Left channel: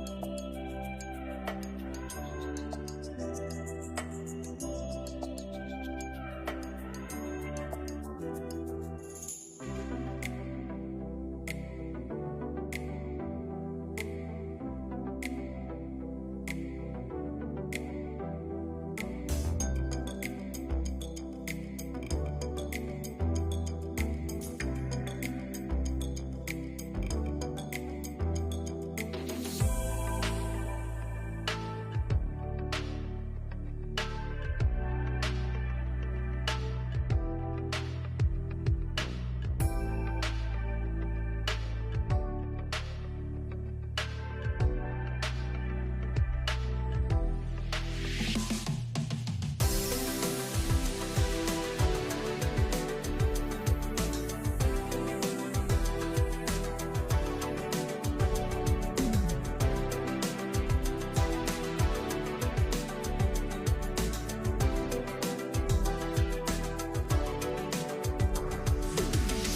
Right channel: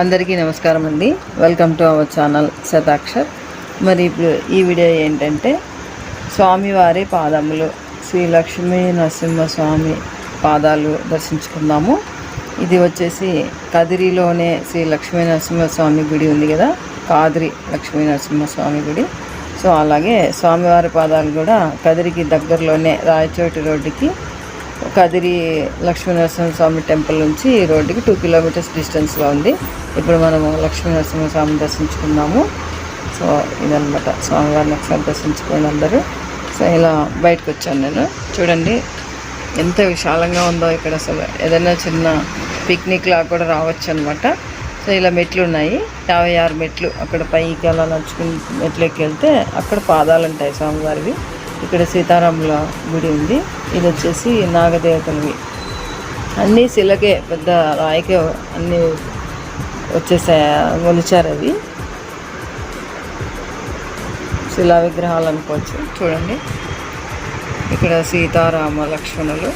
అందరికీ నమస్కారం అండి. Welcome to our channel Shatakshar మరి ఇప్పుడు ఈ వీడియో ఏంటంటే స్వామివారి పాదములు శ్రీ లక్ష్మీ నరసింహస్వామి పాదాలు దర్శించుకుందాము. ఇది వచ్చేసి కదిరిలోనే శ్రీ లక్ష్మీ నరసింహస్వామి గుడి ఉంది కదా కాదిరి లక్ష్మీ నరసింహస్వామి గుడి. సో అలాగే స్వామివారి పాదాలు కూడా కదిరికి దగ్గరలోనే రాయచోటి రోడ్డుకి కదిరి లక్ష్మీనరసింహ స్వామి టెంపుల్ నుంచి ఈ రోడ్డుకి టూ కిలోమీటర్స్ డిస్టెన్స్లో ఉంది. ఇప్పుడు మనము లక్ష్మీనరసింహ స్వామి దర్శించుకున్నాము. సో ఇదనమాట స్వామివారిని ఒకసారి దర్శించుకోండి అందరూ. సో ఇలా బయటకు వచ్చాను నేను. చూడండి ఎంత విశాలంగా ఉందో ఇక్కడ అసలు. ఏదైనా చిన్న పిక్నిక్ లాగా కూడా రావచ్చు అనమాట సో ఇలా మెట్లు ఉన్నాయి. యాభై ఆరు మెట్లు అక్కడ పైకి అలా నడుచుకుని మెట్లు ఎక్కి వెళ్తే అక్కడ పాదాలు ఉంటాయి స్వామివారివి. ఇక్కడ సీతారాముల గుడి ఉంది. ఇది వచ్చేసి నాగదేవతలవి. అన్నీ శిలకే పెద్ద రాయికే అన్నీ వచ్చేసాయి మొలిచారు అవి. శిలా విగ్రహాలు అనుకోవచ్చు. చూడండి. ఇక్కడ సీతారామ లక్ష్మణులు.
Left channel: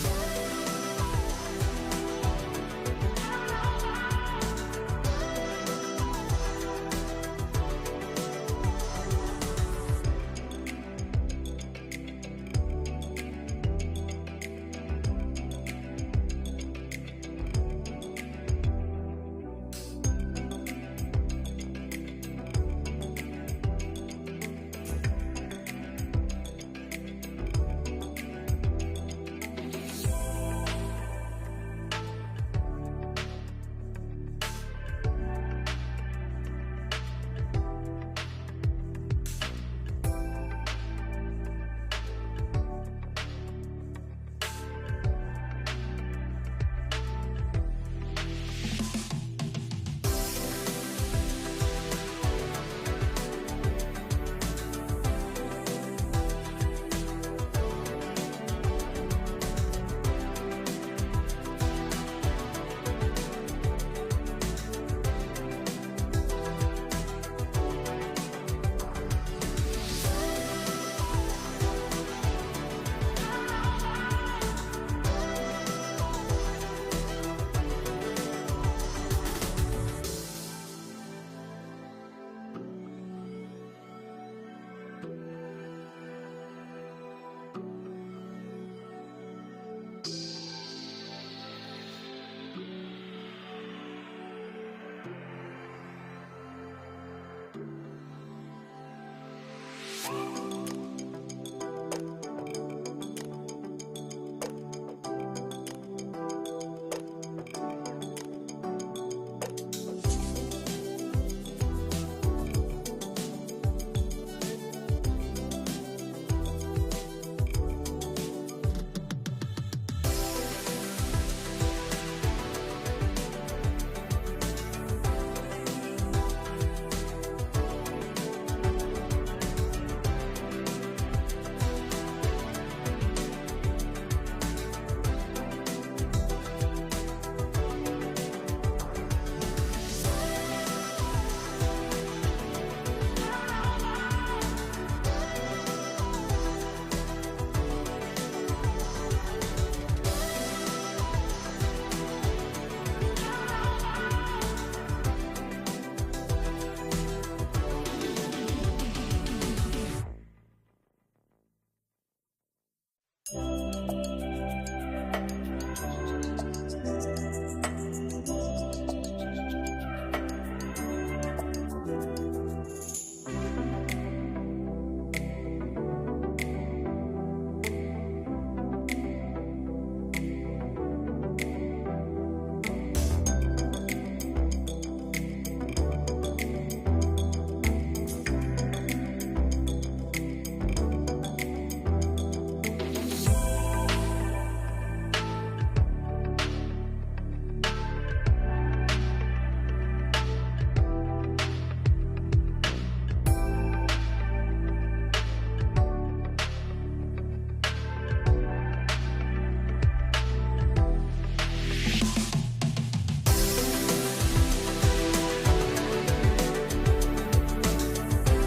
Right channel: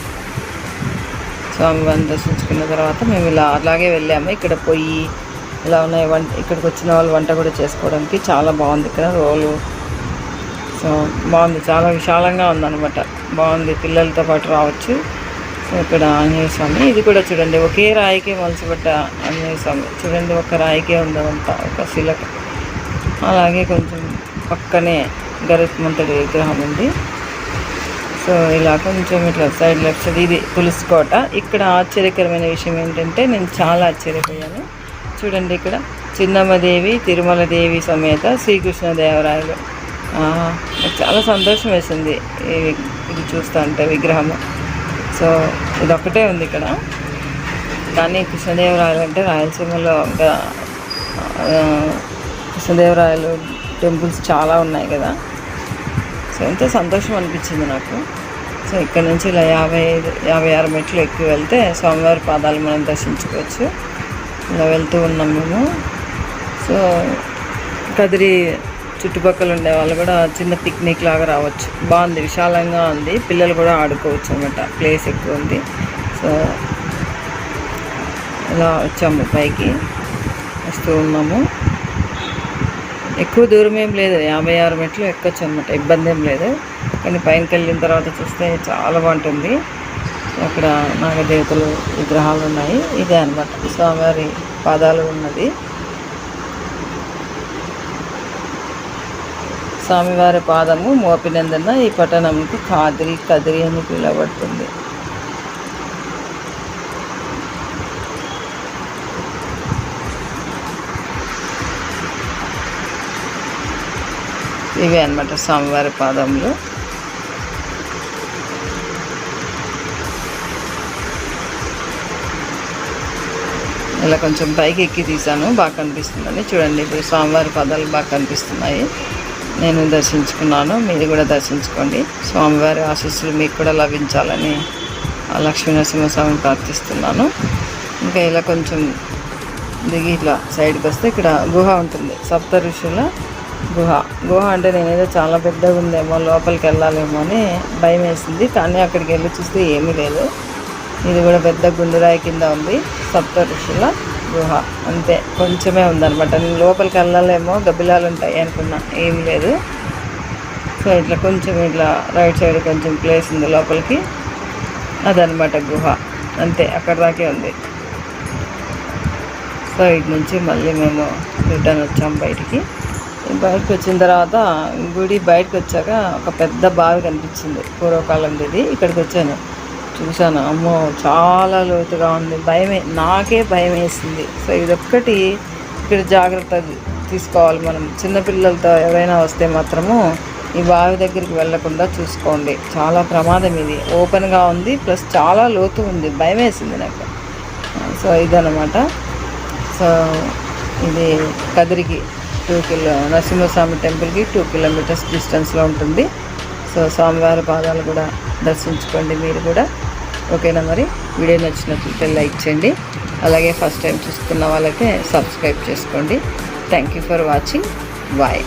స్వామివారిని దర్శించుకున్న తర్వాత మేము ఇలా అలాగే వెళ్ళాము. ఇక్కడ పొయ్యి ఇలా ఉన్నాయి. వంట ఇక్కడికి వచ్చిన వాళ్ళు వంట కూడా చేసుకోవడానికి చాలా బాగుంది. ఇక్కడ రోలు సో బాగుంది. చాలా విశాలంగా ఉందన్నమాట. బాగుంది. పిల్లలతో పాటు రావచ్చు. సో ఇక్కడ ఆంజనేయ స్వామి ఇది కూడా చూడండి. ఒకే రాయికే మలసిపడ్డ ఆంజనేయ స్వామి. చూడండి ఒక రాయికే ఉందంతా ఒక శిలక. అలాగే కొంచెం పక్కనే గరుత్మంతుడి విగ్రహం ఉంది. సో ఇలా కొంచెం ఇట్లా సైడ్ లెఫ్ట్ సైడ్ ఇది పులుసుకోట. ఇక్కడ ఆశ్చర్యకరమైన విషయం ఏంటంటే నేను చాలా ఆశ్చర్యపోయాను. చూడండి ఇక్కడ. చిన్నమ్మదేవి తిరుమల దేవి సమేత శ్రీకృష్ణదేవరాయలు నాకు చాలా సంతోషం వేసింది ఇది చూస్తూ ఉంటే విగ్రహము. సో ఇది ఒకటే ఉంది ఇక్కడ. కానీ కృష్ణదేవరాయలు అంటే రాయలసీమలో ఇంకా కృష్ణదేవరాయలు టెంపుల్స్ చాలా ఉన్నాయి కదా. సో ఎంతో సంతోషం అనిపించింది నాకు. సో ఇక్కడ నుంచి ఇలా యాభై ఐదు యాభై ఆరు మెట్లు ఎక్కి వెళ్తే స్వామివారి పాదాలు మనం దర్శించుకోవచ్చు. ఇలా వెళ్తూ ఉన్నాం మేము. సో కదిరి చుట్టుపక్కల ఉండే వాళ్ళు కూడా చిన్న పిక్నిక్ లాగా రావచ్చు. బాగుంది విశాలంగా ఉంది. పిల్లలు కూడా ఆడుకోవచ్చు అనమాట ప్లేస్ ఎక్కువ ఉంది. సో ఇలా వచ్చాము పైకి. వస్తూ ఉన్నాము. ఎక్కువ దూరం ఏం లేదు. యాభై ఆరు మెట్లు ఎక్కొచ్చు అనమాట ఇబ్బంది ఏం లేదు. కానీ పైనకి వెళ్ళిన తర్వాత చూస్తే చాలా బాగుంటుంది. అక్కడ నాగదేవతలు విగ్రహాలు ఉన్నాయి. ఇదే అనమాట స్వామివారి పాదాలు ఉన్నది. స్వామివారి పాదము మోపినందున ఈ పట్టణంకు కాదిరి కదిరి అని పిలువబడుతుంది. ఇవే అనమాట స్వామివారి పాదములు. ఇలా కొంచెం పైకి ఎక్కి తీసాను బాగా కనిపిస్తుందని చూడండి ఇప్పుడు స్వామివారి పదాలు బాగా కనిపిస్తున్నాయి. నేను దర్శించుకున్నాను మీరు కూడా దర్శించుకోండి. స్వామివారి ఆశీస్సులు మీకు కూడా లభించాలని లక్ష్మీనరసింహస్వామిని ప్రార్థిస్తున్నాను. ఇంకా ఇలా కొంచెం దిగి ఇట్లా సైడ్కి వస్తే ఇక్కడ గుహ ఉంటుంది సప్త ఋషుల గుహ. గుహ అంటే నేనేదో చాలా పెద్దగా ఉందేమో లోపలికి వెళ్ళాలేమో అని భయం వేసింది కానీ అక్కడికి వెళ్ళి చూస్తే ఏమీ లేదు. ఇది కూడా పెద్ద గుండురాయి కింద ఉంది సప్త ఋషుల గుహ. అంతే కొంచెమే ఉందనమాట నేను లోపలికి వెళ్ళాలేమో గబ్బిలాలు ఉంటాయి అనుకున్నా. ఏం లేదు. సో ఇట్లా కొంచెం ఇట్లా రైట్ సైడ్ కొంచెం ప్లేస్ ఉంది లోపలికి. అదనమాట గుహ. అంతే అక్కడ దాకే ఉంది. సో ఇటు నుంచి మళ్ళీ మేము రిటర్న్ వచ్చాం బయటికి. బయటకు వచ్చిన తర్వాత గుడి బయటకు వచ్చాక ఒక పెద్ద బావి కనిపించింది. పూర్వకాలం ఇది. ఇక్కడికి వచ్చాను. చూశాను. అమ్మో చాలా లోతుగా ఉంది. భయమే నాకే భయం వేసింది సో ఇదొక్కటి ఇక్కడ జాగ్రత్త తీసుకోవాలి మనం. చిన్నపిల్లలతో ఎవరైనా వస్తే మాత్రము ఈ బావి దగ్గరికి వెళ్ళకుండా చూసుకోండి. చాలా ప్రమాదం ఇది. ఓపెన్గా ఉంది ప్లస్ చాలా లోతు ఉంది. భయం వేసింది నాకు. సో ఇదనమాట సో ఇది కదిరికి టూ కిలో నరసింహస్వామి టెంపుల్కి టూ కిలోమీటర్స్ డిస్టెన్స్లో ఉంటుంది. సో స్వామివారి పాదాలు కూడా దర్శించుకోండి మీరు కూడా. ఓకేనా మరి? వీడియో నచ్చినట్లయితే లైక్ చేయండి. అలాగే ఫస్ట్ టైం చూసుకున్న వాళ్ళైతే సబ్స్క్రైబ్ చేసుకోండి. Thank you for watching bye